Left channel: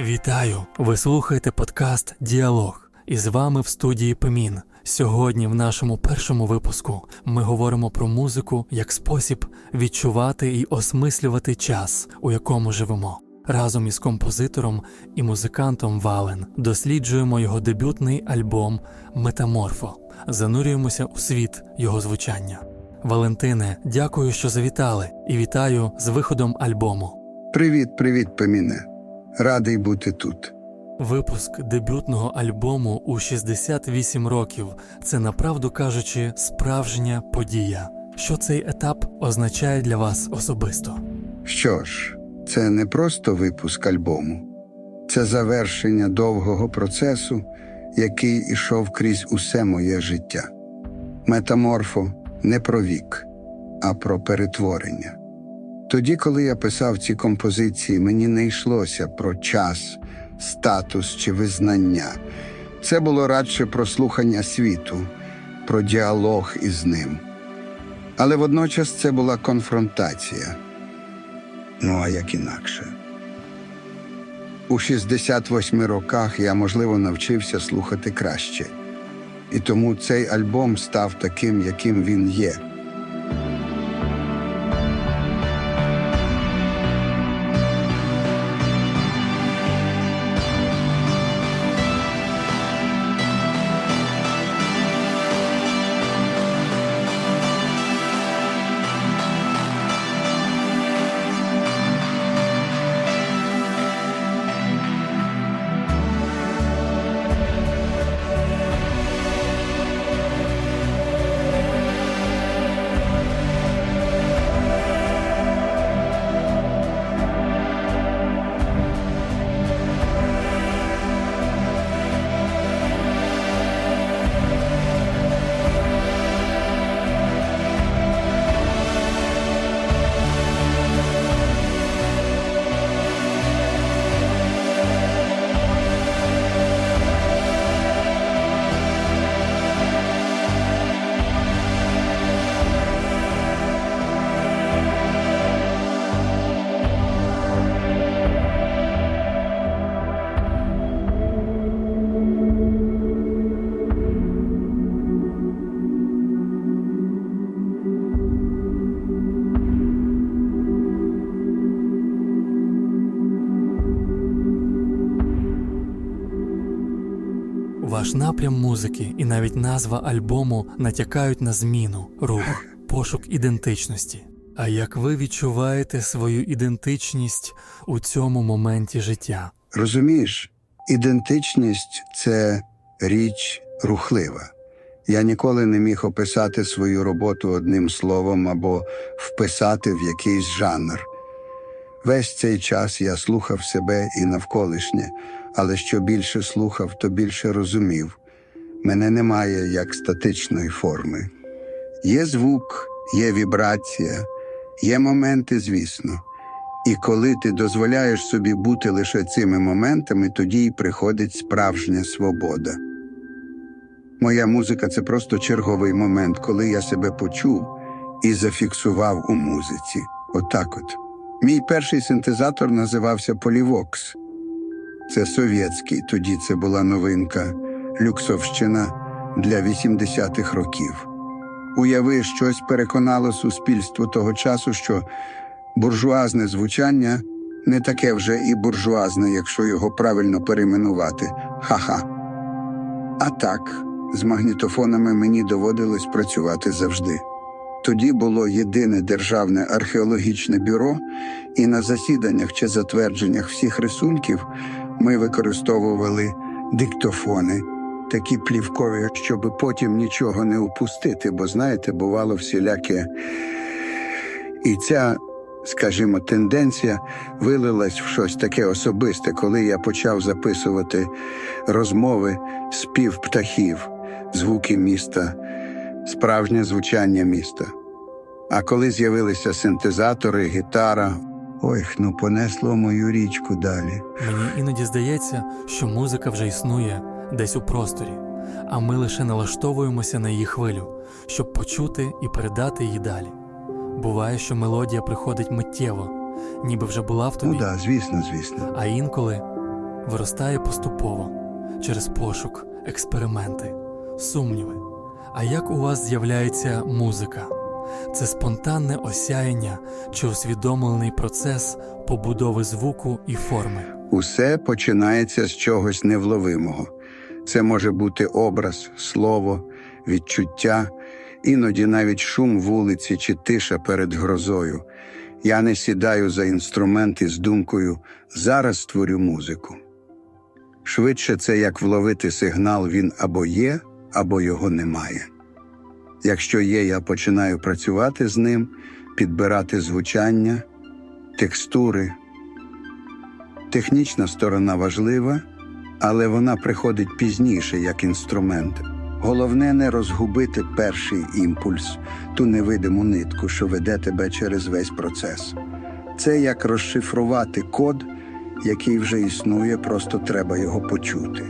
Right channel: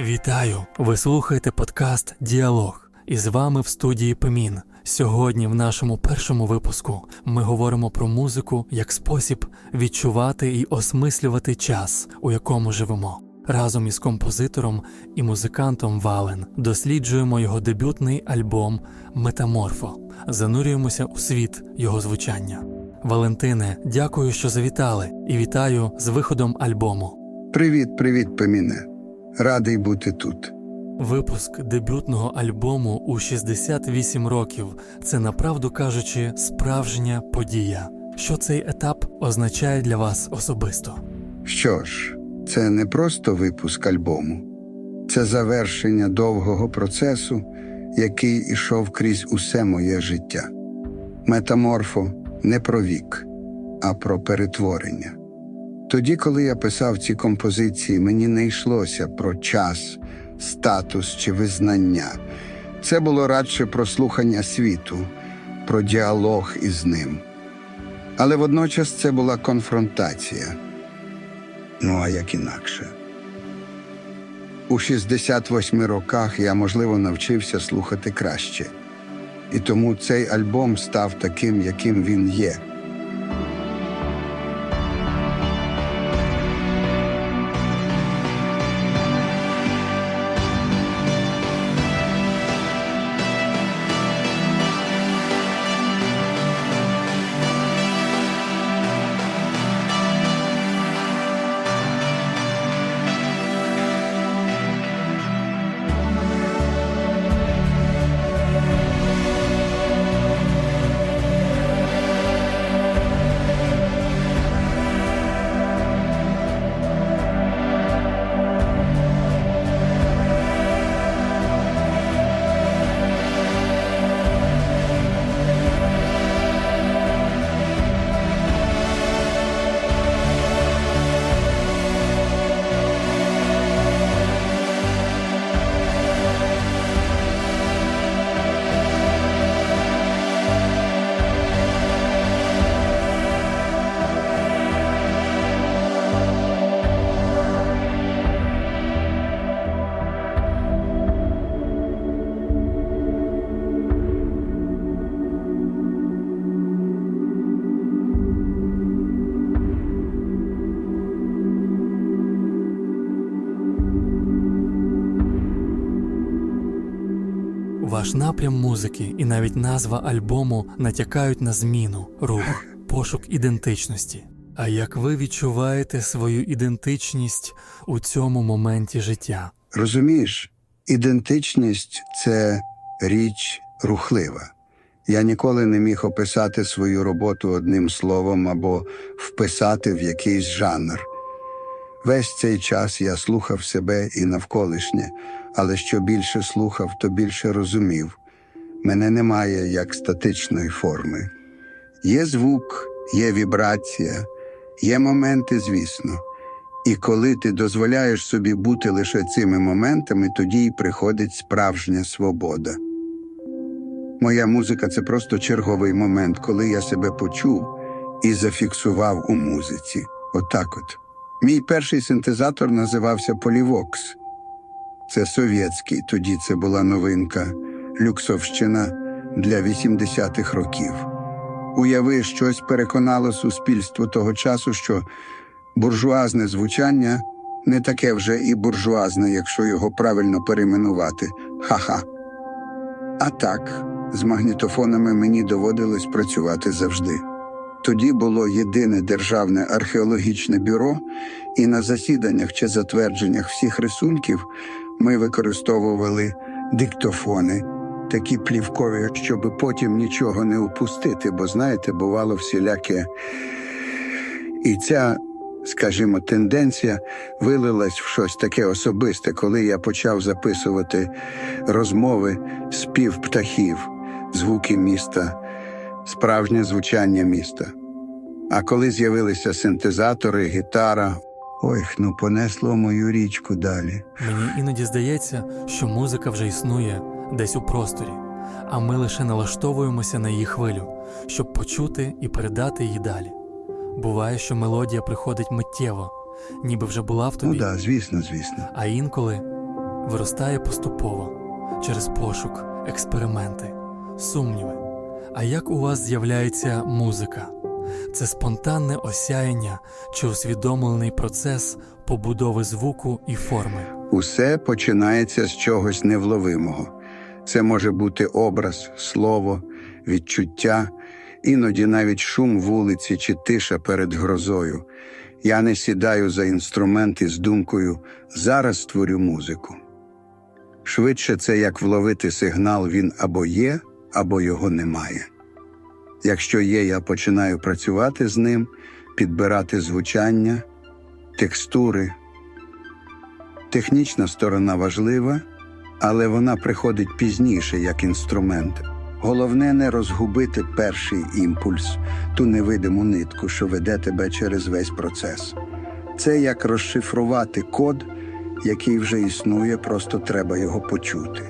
Вітаю! Ви слухаєте подкаст Діалог. І з вами в студії Пемін. Сьогодні, в нашому першому випуску, ми говоримо про музику як спосіб відчувати і осмислювати час, у якому живемо. Разом із композитором і музикантом Вален досліджуємо його дебютний альбом Метаморфо, занурюємося у світ його звучання. Валентине, дякую, що завітали, і вітаю з виходом альбому. Привіт, привіт, Пеміне. Радий бути тут. Випуск дебютного альбому у 68 років це направду кажучи справжня подія. Що цей етап означає для вас особисто? Що ж, це не просто випуск альбому, це завершення довгого процесу, який ішов крізь усе моє життя. Метаморфо не про вік, а про перетворення. Тоді, коли я писав ці композиції, мені не йшлося про час, статус чи визнання. Це було радше про слухання світу, про діалог із ним. Але водночас це була конфронтація. Ну, а як інакше? У 68 роках я, можливо, навчився слухати краще. І тому цей альбом став таким, яким він є. Ваш напрям музики і навіть назва альбому натякають на зміну, рух, пошук ідентичності. А як ви відчуваєте свою ідентичність у цьому моменті життя? Розумієш, ідентичність це річ рухлива. Я ніколи не міг описати свою роботу одним словом або вписати в якийсь жанр. Весь цей час я слухав себе і навколишнє, але що більше слухав, то більше розумів. Мене немає як статичної форми. Є звук, є вібрація, є моменти, звісно. І коли ти дозволяєш собі бути лише цими моментами, тоді й приходить справжня свобода. Моя музика це просто черговий момент, коли я себе почув і зафіксував у музиці. Отак от. Мій перший синтезатор називався Полівокс. Це совєтський, тоді це була новинка, люксовщина для 80-х років. Уяви, щось переконало суспільство того часу, що буржуазне звучання не таке вже і буржуазне, якщо його правильно перейменувати. Ха-ха. А так, з магнітофонами мені доводилось працювати завжди. Тоді було єдине державне археологічне бюро, і на засіданнях чи затвердженнях всіх рисунків ми використовували диктофони, такі плівкові, щоб потім нічого не упустити, бо знаєте, бувало всіляке. І ця, скажімо, тенденція вилилась в щось таке особисте, коли я почав записувати розмови спів птахів, звуки міста, справжнє звучання міста. А коли з'явилися синтезатори, гітара, ой, ну понесло мою річку далі. Мені іноді здається, що музика вже існує десь у просторі, а ми лише налаштовуємося на її хвилю, щоб почути і передати її далі. Буває, що мелодія приходить миттєво, ніби вже була в тобі, Ну да, звісно, звісно. а інколи виростає поступово через пошук, експерименти, сумніви. А як у вас з'являється музика? Це спонтанне осяяння чи усвідомлений процес побудови звуку і форми. Усе починається з чогось невловимого. Це може бути образ, слово, відчуття, іноді навіть шум вулиці чи тиша перед грозою. Я не сідаю за інструмент із думкою зараз створю музику. Швидше це як вловити сигнал, він або є, або його немає. Якщо є, я починаю працювати з ним, підбирати звучання, текстури, Технічна сторона важлива, але вона приходить пізніше як інструмент. Головне не розгубити перший імпульс, ту невидиму нитку, що веде тебе через весь процес. Це як розшифрувати код, який вже існує, просто треба його почути.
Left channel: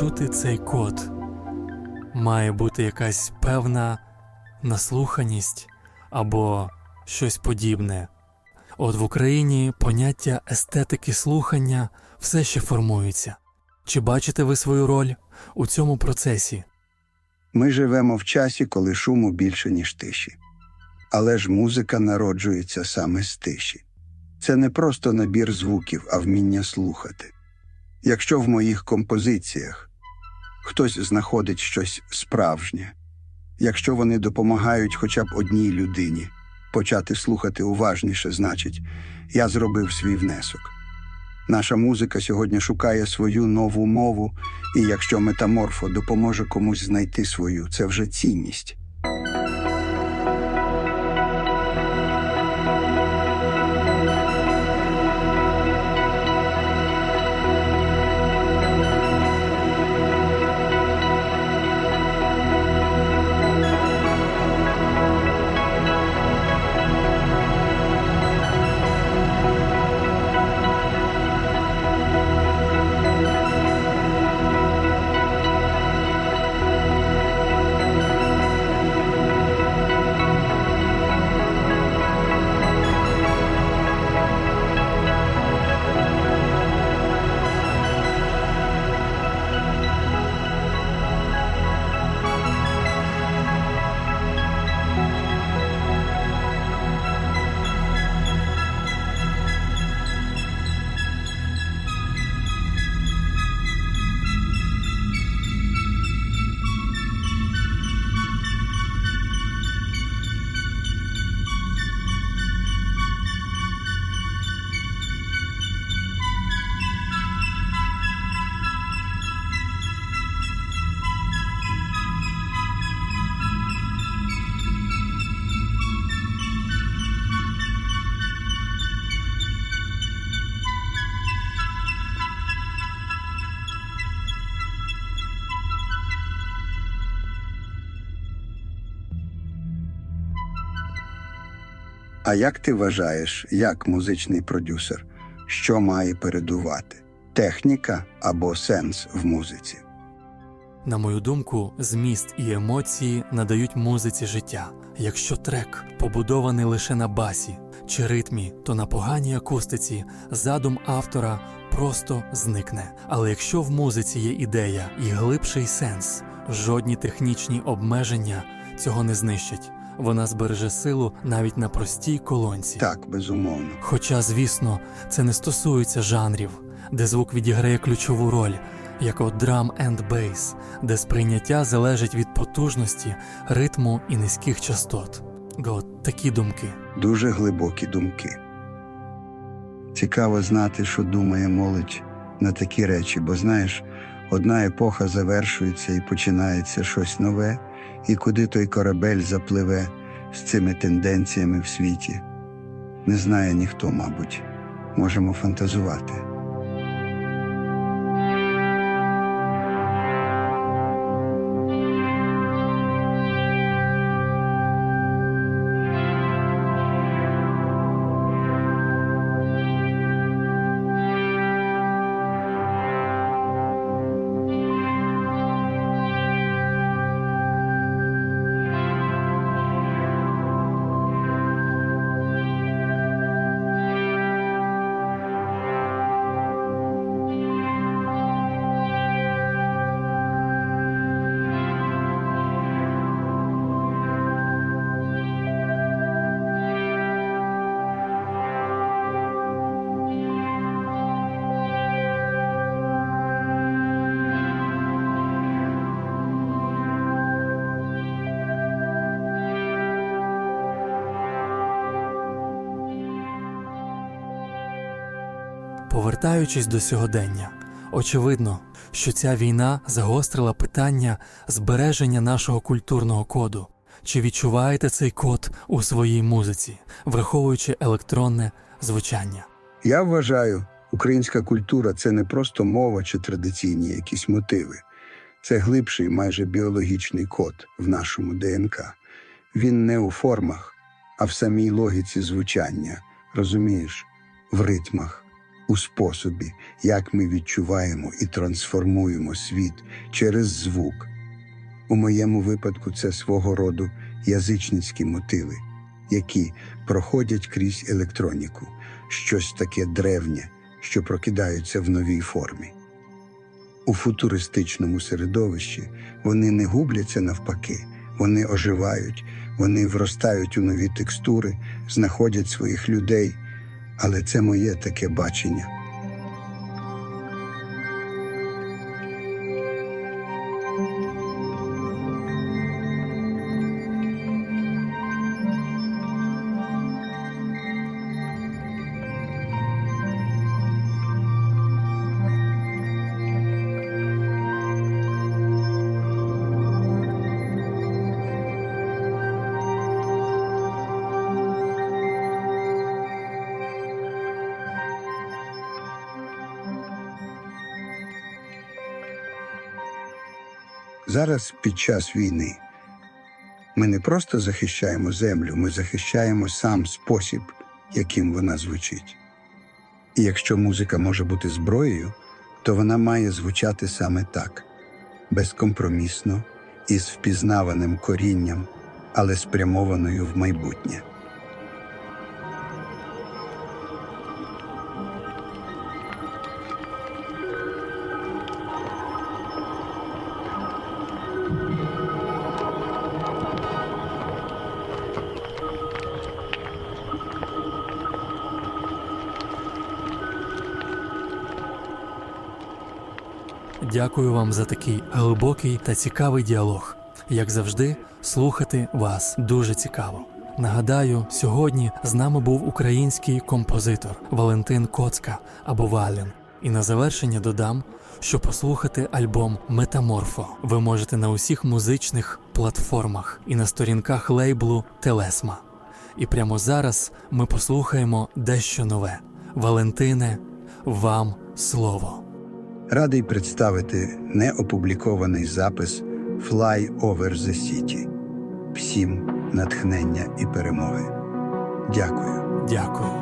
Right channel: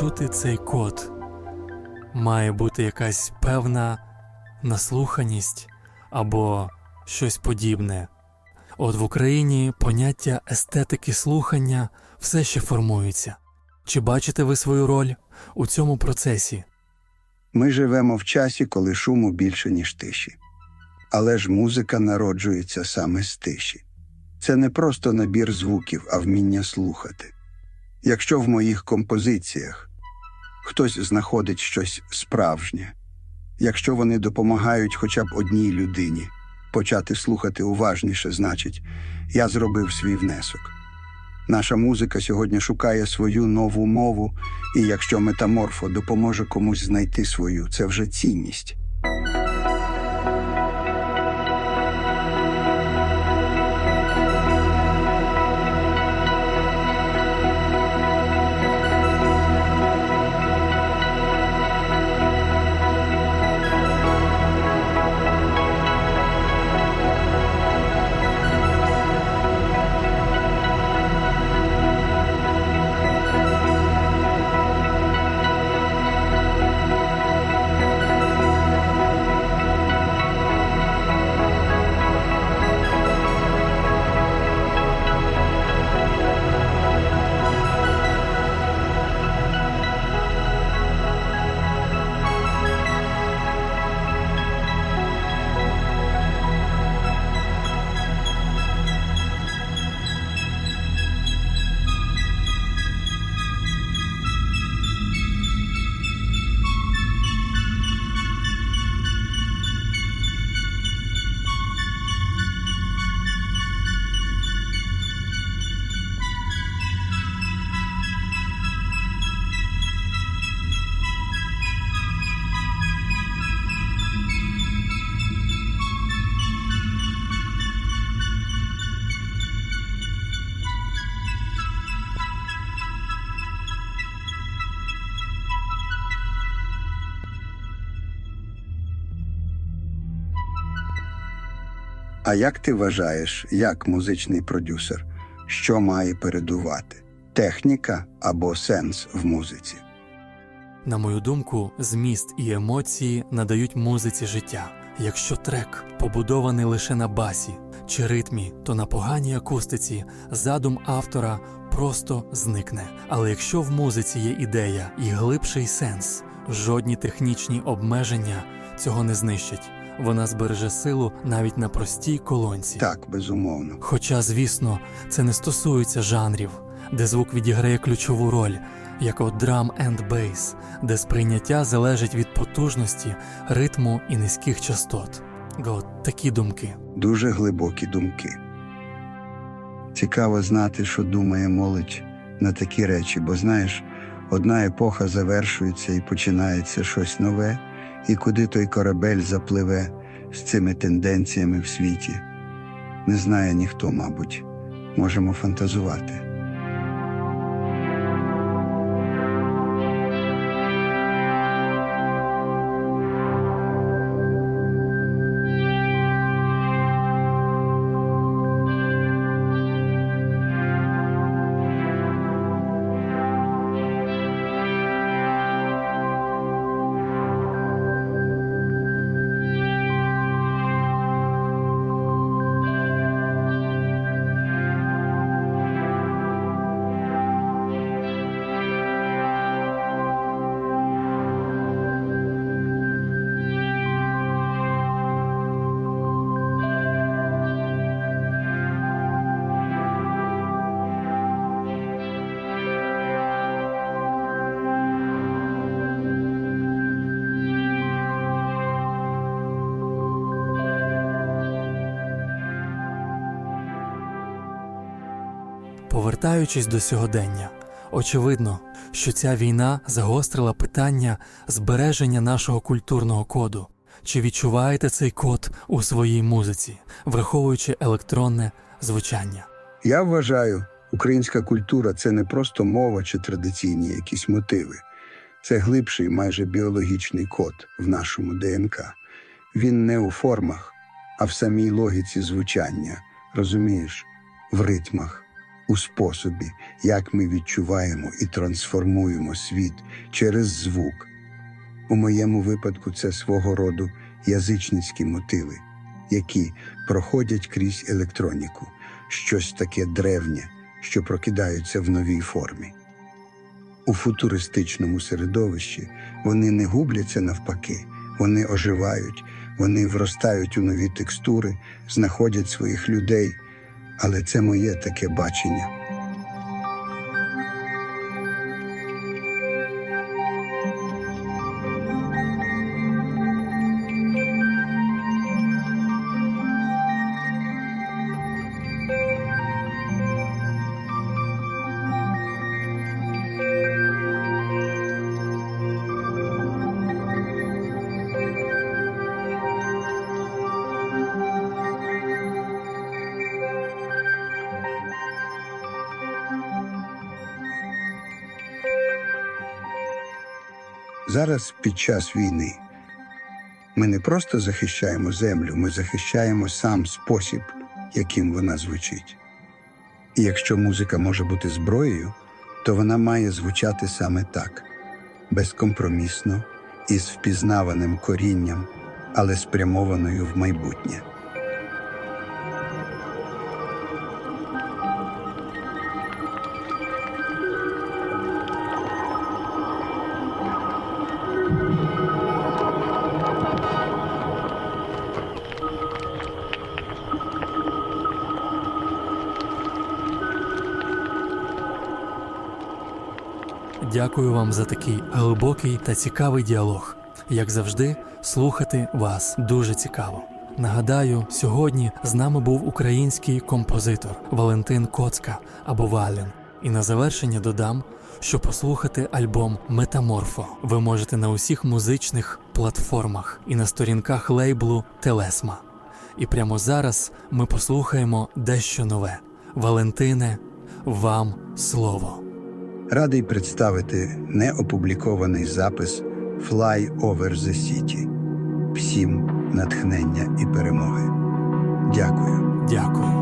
Почути цей код, має бути якась певна наслуханість або щось подібне. От в Україні поняття естетики слухання все ще формується. Чи бачите ви свою роль у цьому процесі? Ми живемо в часі, коли шуму більше, ніж тиші. Але ж музика народжується саме з тиші. Це не просто набір звуків, а вміння слухати. Якщо в моїх композиціях хтось знаходить щось справжнє, якщо вони допомагають хоча б одній людині почати слухати уважніше, значить, я зробив свій внесок. Наша музика сьогодні шукає свою нову мову, і якщо метаморфо допоможе комусь знайти свою, це вже цінність. А як ти вважаєш, як музичний продюсер, що має передувати? Техніка або сенс в музиці? На мою думку, зміст і емоції надають музиці життя. Якщо трек побудований лише на басі чи ритмі, то на поганій акустиці задум автора просто зникне. Але якщо в музиці є ідея і глибший сенс, жодні технічні обмеження цього не знищить. Вона збереже силу навіть на простій колонці. Так, безумовно. Хоча, звісно, це не стосується жанрів, де звук відіграє ключову роль, як от драм енд бейс, де сприйняття залежить від потужності, ритму і низьких частот. От такі думки. Дуже глибокі думки. Цікаво знати, що думає молодь на такі речі, бо знаєш, одна епоха завершується і починається щось нове, і куди той корабель запливе з цими тенденціями в світі. Не знає ніхто, мабуть. Можемо фантазувати. Повертаючись до сьогодення, очевидно, що ця війна загострила питання збереження нашого культурного коду. Чи відчуваєте цей код у своїй музиці, враховуючи електронне звучання? Я вважаю, українська культура це не просто мова чи традиційні якісь мотиви. Це глибший, майже біологічний код в нашому ДНК. Він не у формах, а в самій логіці звучання, розумієш, в ритмах, у способі, як ми відчуваємо і трансформуємо світ через звук. У моєму випадку це свого роду язичницькі мотиви, які проходять крізь електроніку, щось таке древнє, що прокидаються в новій формі. У футуристичному середовищі вони не губляться навпаки, вони оживають, вони вростають у нові текстури, знаходять своїх людей, але це моє таке бачення. Зараз під час війни ми не просто захищаємо землю, ми захищаємо сам спосіб, яким вона звучить. І якщо музика може бути зброєю, то вона має звучати саме так безкомпромісно, із впізнаваним корінням, але спрямованою в майбутнє. Дякую вам за такий глибокий та цікавий діалог. Як завжди, слухати вас дуже цікаво. Нагадаю, сьогодні з нами був український композитор Валентин Коцка або Валін. І на завершення додам, що послухати альбом Метаморфо ви можете на усіх музичних платформах і на сторінках лейблу Телесма. І прямо зараз ми послухаємо дещо нове. Валентине, вам слово. Радий представити неопублікований запис Fly Over the City. Всім натхнення і перемоги. Дякую. Дякую.